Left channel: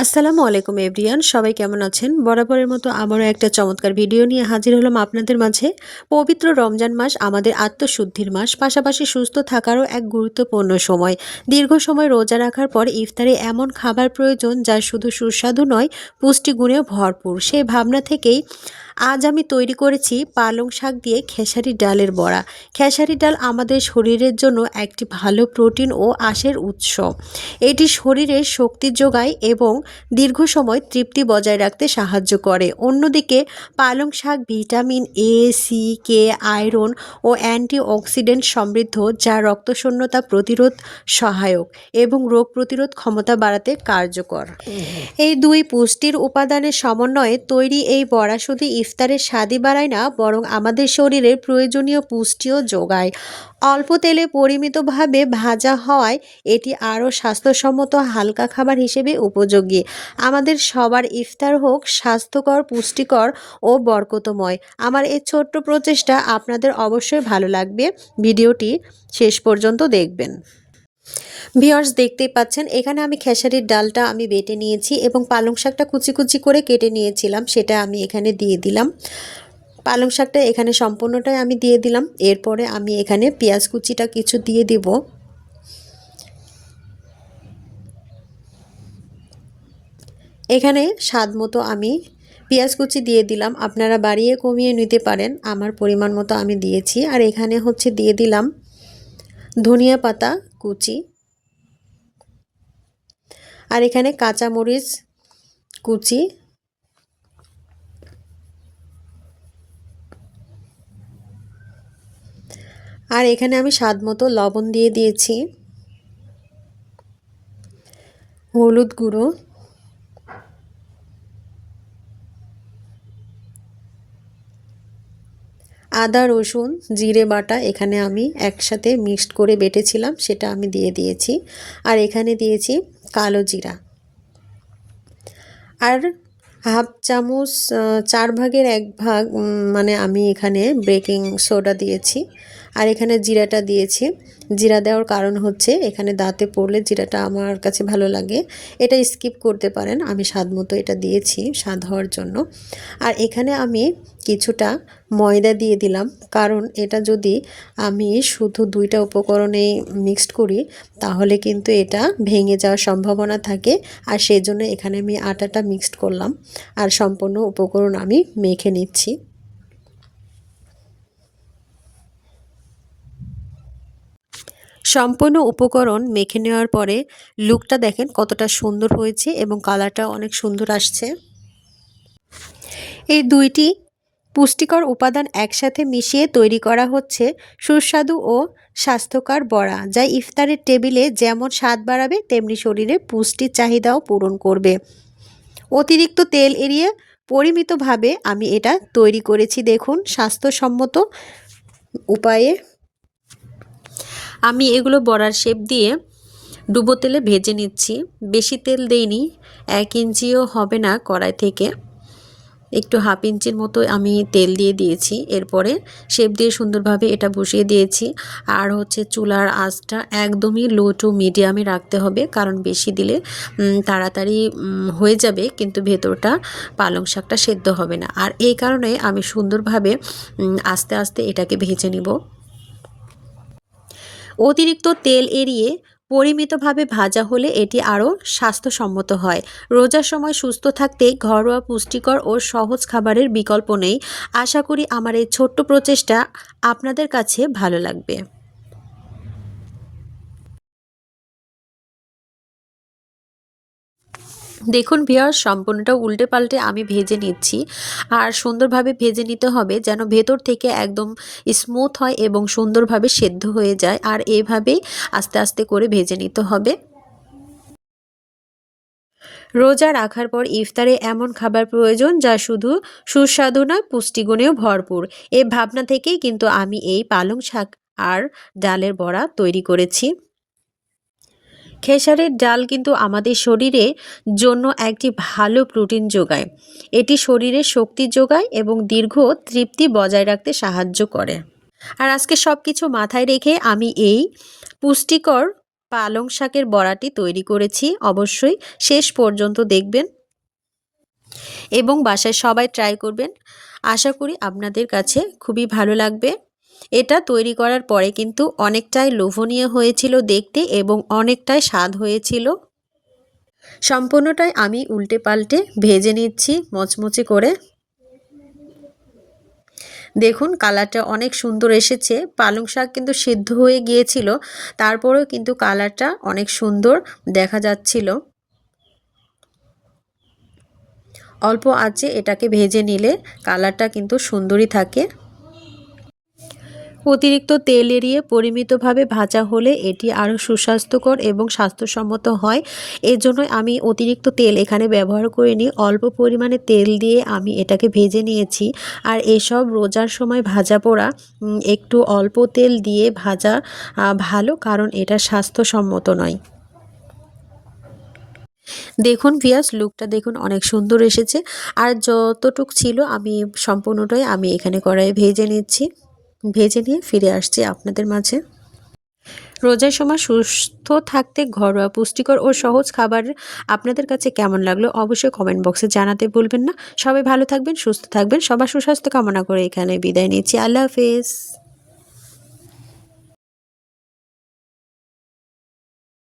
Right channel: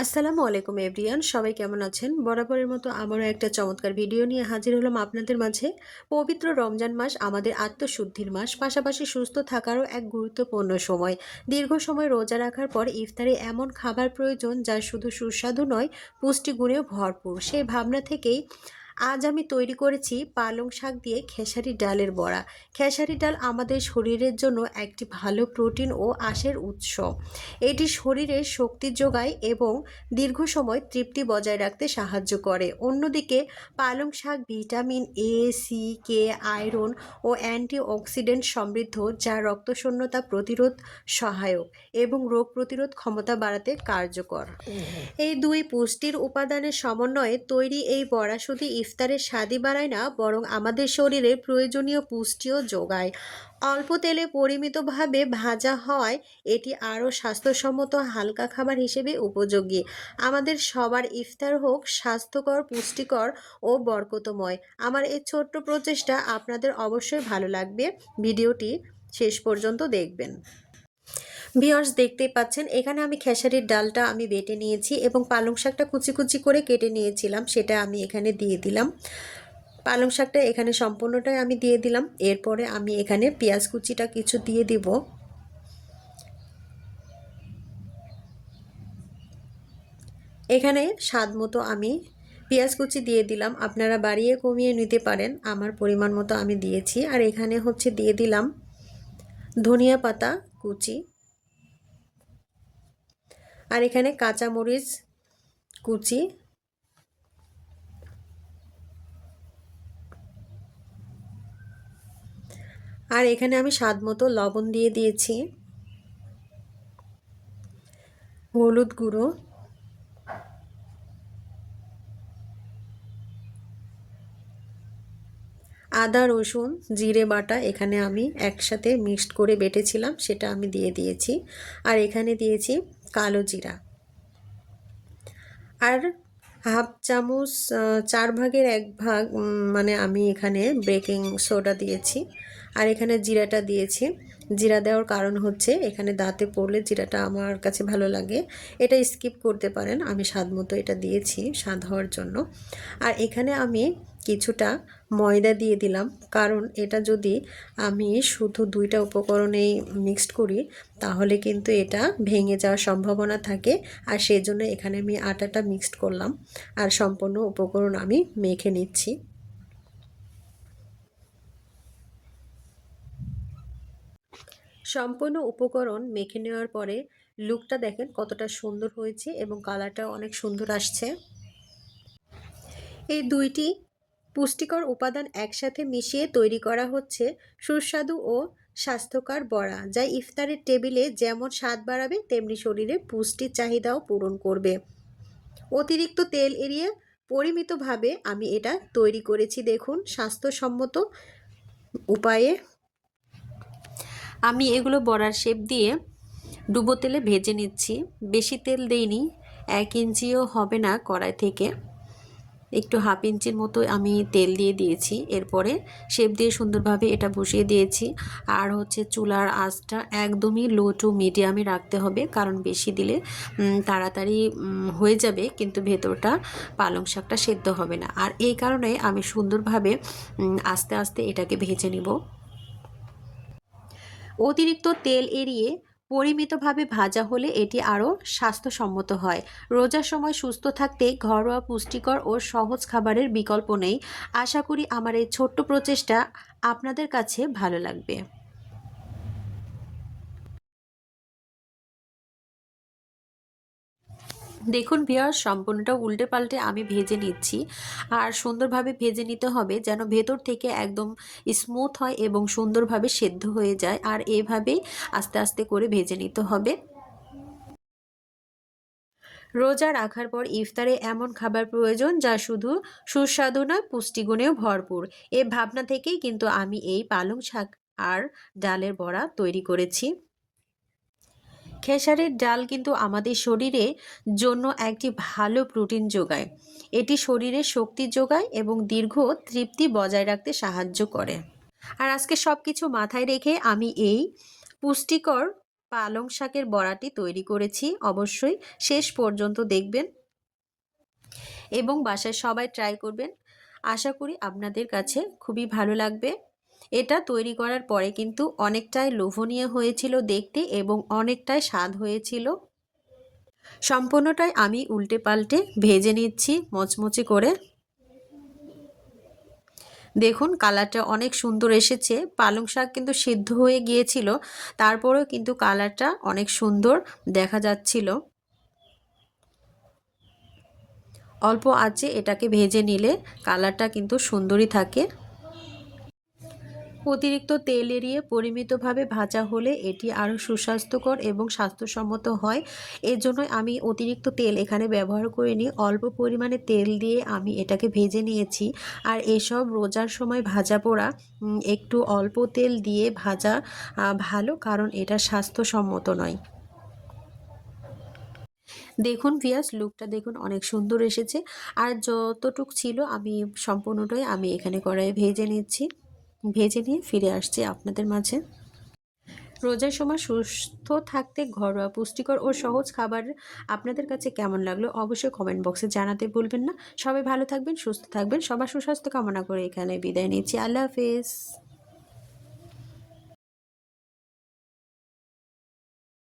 আসসালামু আলাইকুম এভরিয়ান, সবাই কেমন আছেন? বরাবরের মতো আমারও একটা চমৎকার ভিডিও নিয়ে হাজির হলাম আপনাদের মাঝে। পবিত্র রমজান মাস আমাদের আত্মশুদ্ধির মাস, পাশাপাশি সুস্থ থাকারও এক গুরুত্বপূর্ণ সময়। দীর্ঘ সময় রোজা রাখার পর ইফতারে এমন খাবার প্রয়োজন যা শুধু সুস্বাদু নয়, পুষ্টিগুণেও ভরপুর। সেই ভাবনা থেকেই আজ আমি তৈরি করেছি পালং শাক দিয়ে খেসারি ডালের বড়া। খেসারি ডাল আমাদের শরীরের জন্য একটি ভালো প্রোটিন ও আঁশের উৎস। এটি শরীরে শক্তি যোগায় এবং দীর্ঘ সময় তৃপ্তি বজায় রাখতে সাহায্য করে। অন্যদিকে পালং শাক vitamin A, C, K, iron ও অ্যান্টিঅক্সিডেন্ট সমৃদ্ধ, যা রক্তশূন্যতা প্রতিরোধ সহায়ক এবং রোগ প্রতিরোধ ক্ষমতা বাড়াতে কার্যকর। এই দুই পুষ্টির উপাদানের সমন্বয়ে তৈরি এই বড়া শুধু ইফতারের স্বাদই বাড়ায় না, বরং আমাদের শরীরের প্রয়োজনীয় পুষ্টিও যোগায়। অল্প তেলে পরিমিতভাবে ভাজা হওয়ায় এটি আরও স্বাস্থ্যসম্মত হালকা খাবার হিসেবে উপযোগী। আমাদের সবার ইফতার হোক স্বাস্থ্যকর, পুষ্টিকর ও বরকতময়। আমার এই ছোট্ট প্রচেষ্টা আপনাদের অবশ্যই ভালো লাগবে। ভিডিওটি শেষ পর্যন্ত দেখবেন। ভিউয়ার্স, দেখতেই পাচ্ছেন এখানে আমি খেসারির ডালটা আমি বেটে নিয়েছি এবং পালং শাকটা কুচি কুচি করে কেটে নিয়েছিলাম, সেটা আমি এখানে দিয়ে দিলাম। পালং শাকটা এখানে সম্পূর্ণটাই আমি দিয়ে দিলাম। এরপরে আমি এখানে পেঁয়াজ কুচিটা কিছু দিয়ে দিব। এখানে স্বাদ মতো আমি পেঁয়াজ কুচি দিয়ে দিলাম, আপনারা বাড়িয়ে কমিয়ে নিতে পারেন, আমার পরিমাণ মতো আমি দিয়েছি। আর এখানে হচ্ছে দিয়ে দিলাম ধনিয়া পাতা কুচি, আর এখানে কাঁচামরিচ কুচি, আর এখানে আমি স্বাদ মতো লবণ দিয়ে দিয়েছি, হলুদ গুঁড়ো, আদা রসুন জিরে বাটা এখানে আমি একসাথে মিক্সড করে বেটেছিলাম, সেটা আমি দিয়ে দিয়েছি। আর এখানে দিয়েছি কালো জিরা, আর হাফ চামচ 1/4 ভাগ মানে আমি এখানে বেকিং সোডা দিয়েছি। আর এখানে জিরাটা দিয়েছি। জিরা দেওয়ার কারণ হচ্ছে এখানে দাঁতে পড়লে জিরাটা আমার কাছে ভালো লাগে, এটা স্কিপ করতে পারেন, আমি স্বাদ মতো এটা দিয়েছি স্বাদ হওয়ার জন্য। আর এখানে আমি কিছুটা ময়দা দিয়ে দিলাম, কারণ এটা যদি আমি শুধু দুইটা উপকরণে মিক্সড করি তাহলে কিন্তু এটা ভেঙে যাওয়ার সম্ভাবনা থাকে। আর সেই জন্য এখানে আমি আটাটা মিক্সড করলাম, আর সম্পূর্ণ উপকরণ আমি মেখে নিচ্ছি। সম্পূর্ণ উপকরণ মেখে নেওয়ার পরে লুকটা দেখেন কতটা সুন্দর হয়েছে এবং কালারটা অনেক সুন্দর আসছে। এই দুইটি পুষ্টিকর উপাদান একসাথে মিশিয়ে তৈরি করা হচ্ছে সুস্বাদু ও স্বাস্থ্যকর বড়া, যা ইফতারের টেবিলে যেমন স্বাদ বাড়াবে তেমনি শরীরে পুষ্টির চাহিদাও পূরণ করবে। অতিরিক্ত তেল এড়িয়ে পরিমিতভাবে আমি এটা তৈরি করেছি। দেখুন, স্বাস্থ্যসম্মত উপায়ে আমি এগুলো বড়ার শেপ দিয়ে ডুবো তেলে ভেজে নিচ্ছি। বেশি তেল দেইনি, 1 ইঞ্চিও হবে না কড়াই থেকে, একটু হাফ ইঞ্চির মতো আমি তেল দিয়ে দিয়েছি। এরপরে শেপ দিয়ে সুন্দরভাবে এটা বসিয়ে দিয়েছি। আর হচ্ছে চুলার আঁচটা একদমই লো টু মিডিয়ামে রাখতে হবে, কারণ বেশি দিলে তাড়াতাড়ি হয়ে যাবে কিন্তু ভেতরটা পালং শাকটা সেদ্ধ হবে না। আর এই কারণে আমি সুন্দরভাবে আস্তে আস্তে এটাকে ভেজে নিব। অতিরিক্ত তেল এড়িয়ে পরিমিতভাবে ভাজা হলে এটি আরও স্বাস্থ্যসম্মত হয়। রোজার সময় সুস্থ থাকতে ঘরোয়া পুষ্টিকর ও সহজ খাবারের বিকল্প নেই। আশা করি আমার এই ছোট্ট প্রচেষ্টা আপনাদের কাছে ভালো লাগবে। দেখুন ভিউয়ার্স, সম্পূর্ণটা উল্টে পাল্টে আমি ভেজে নিচ্ছি। আর সুন্দরভাবে ভেজে নিতে হবে যেন ভেতর থেকে একদম স্মুথ হয় এবং সুন্দরভাবে সেদ্ধ হয়ে যায়। আর এইভাবেই আস্তে আস্তে করে ভেজে নিতে হবে। রোজা রাখার পর ইফতারে এমন খাবার প্রয়োজন যা শুধু সুস্বাদু নয়, পুষ্টিগুণেও ভরপুর। এই ভাবনা থেকেই কিন্তু আমি এই পালং শাক আর ডালের বড়া তৈরি করেছি। খেসারির ডাল কিন্তু আমাদের শরীরের জন্য একটি ভালো প্রোটিন যোগায়। এটি শরীরে শক্তি যোগায় এবং দীর্ঘ তৃপ্তি বজায় রাখতে সাহায্য করে। আর আজকে সব কিছু মাথায় রেখে আমি এই পুষ্টিকর পালং শাকের বড়াটি তৈরি করেছি। অবশ্যই শেষ পর্যন্ত দেখবেন এবং বাসায় সবাই ট্রাই করবেন। আশা করি আপনাদের কাছে খুবই ভালো লাগবে। এটা তৈরি করার পরে কিন্তু অনেকটাই লোভনীয় হয়েছিল দেখতে এবং অনেকটাই স্বাদ হয়েছিল। সম্পূর্ণটাই আমি উল্টে পাল্টে ভেজে নিচ্ছি মচমচে করে। দেখুন কালারটা অনেক সুন্দর এসেছে। পালং শাক কিন্তু সিদ্ধ হয়ে গিয়েছিল, তারপরেও কিন্তু কালারটা অনেক সুন্দর দেখা যাচ্ছিল। অল্প আঁচে এটাকে ভেজে নিলে কালারটা কিন্তু সুন্দরই থাকে। অতিরিক্ত তেল এড়িয়ে পরিমিতভাবে ভাজা হলে এটি আরও সুস্বাস্থ্যকর এবং স্বাস্থ্যসম্মত হয়। এর জন্য আমি অতিরিক্ত তেল এখানে ব্যবহার করিনি, অল্প পরিমাণে তেল দিয়ে আমি এটাকে ভেজে নিয়েছি। আর এসব রোজার সময় ভাজা পোড়া একটু অল্প তেল দিয়ে ভাজা ভালো, কারণ এটা স্বাস্থ্যসম্মত নয়। দেখুন ভিউয়ার্স, লুকটা দেখুন অনেক সুন্দর এসেছে। আর যতটুক ছিল আমি সম্পূর্ণটাই আমি এখানে কড়াইয়ে ভেজে নিচ্ছি। ভেজে নিয়ে ফিরে আসছি আপনাদের মাঝে। রোজার সময় সুস্থ থাকতে ঘরোয়া পুষ্টিকর ও সহজ খাবার আপনাদের কাছে কেমন লাগলো অবশ্যই কমেন্ট বক্সে জানাতে ভুলবেন না। সবাই ভালো থাকবেন, সুস্থ থাকবেন। সবার সুস্বাস্থ্য কামনা করে এখানে বিদায় নিচ্ছি। আল্লাহ হাফেজ।